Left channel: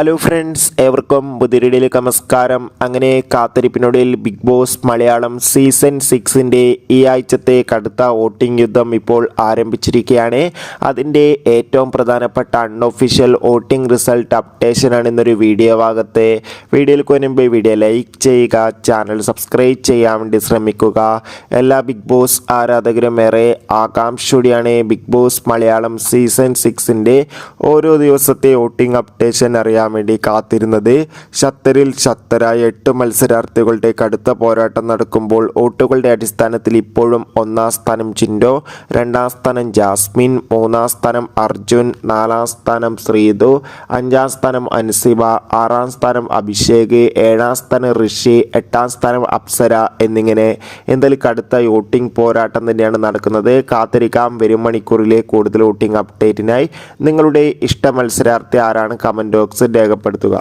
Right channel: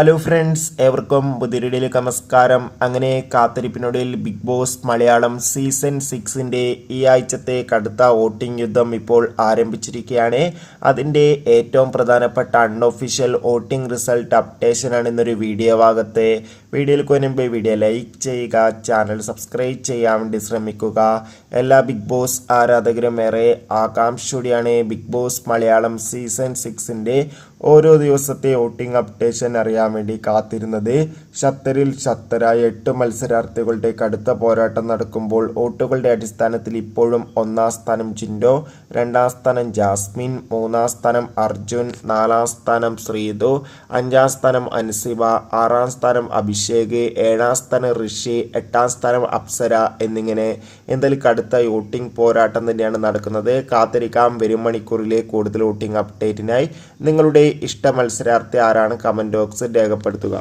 Hello friends, ഏവർക്കും പുതിയൊരിടയിലേക്ക് നമസ്കാരം. അങ്ങനെ കാത്തിരിപ്പിനൊടുവിൽ ബിഗ് ബോസ് മലയാളം സീസൺ 6ൻ്റെ ഈ ആഴ്ചത്തെ കടുത്ത വോട്ടിംഗ് യുദ്ധം ഇപ്പോൾ ആരംഭിച്ചിരിക്കുകയാണ്. അതിൻ്റെ ഏറ്റവും പ്രധാനപ്പെട്ട അൺഒഫീഷ്യൽ വോട്ടിംഗ് റിസൾട്ട് അപ്ഡേഷനാണ് ഇന്നൊരു വീഡിയോ ഭാഗത്ത്. വീഡിയോയിൽ മുൻപ് വീഡിയോ ലൈക്ക് ചെയ്യുക, ചാനൽ സബ്സ്ക്രൈബ് ചെയ്യാൻ വേണ്ടി ശ്രമിക്കുക. എല്ലാ ബിഗ് ബോസ് ആരാധകരും ഏറെ ആകാംക്ഷയോടെയാണ് ബിഗ് ബോസ് മലയാളം സീസൺ 6ൻ്റെ ഓരോ ദിവസത്തെ വോട്ടിംഗ് അപ്ഡേഷൻ അറിയാൻ വേണ്ടി കാത്തിരുന്നത്. ശക്തരിൽ ശക്തരായ 8 മത്സരാർത്ഥികളുടെ കടുത്ത പോരാട്ടം നടക്കുമ്പോൾ വോട്ടുകളുടെ അടിസ്ഥാനത്തിൽ ഇപ്പോഴും 1ാം സ്ഥാനം ജിൻഡോ, 2ാം സ്ഥാനം ജാസ്മിൻ, 3ാം സ്ഥാനം അർജുൻ, 4ാം സ്ഥാനം ശ്രീതു, 5ാം സ്ഥാനം അൻസിബ, 6ാം സ്ഥാനം അഭിഷേക്, 7ാം സ്ഥാനം ഋഷി, 8ാം സ്ഥാനം അപ്സര എന്നിങ്ങനെ എന്തായാലും കടുത്ത വോട്ടിംഗ് പോരാട്ടം തന്നെയാണ് നടക്കുന്നത്. കാത്തിരിക്കാം വരും മണിക്കൂറിലെ കൂടുതൽ വോട്ടിംഗ് അപ്ഡേറ്റിനായി. നിങ്ങളുടെ ഇഷ്ട മത്സരാർത്ഥി ആരാണ്? കമന്റ് ബോക്സ് രേഖപ്പെടുത്തുക.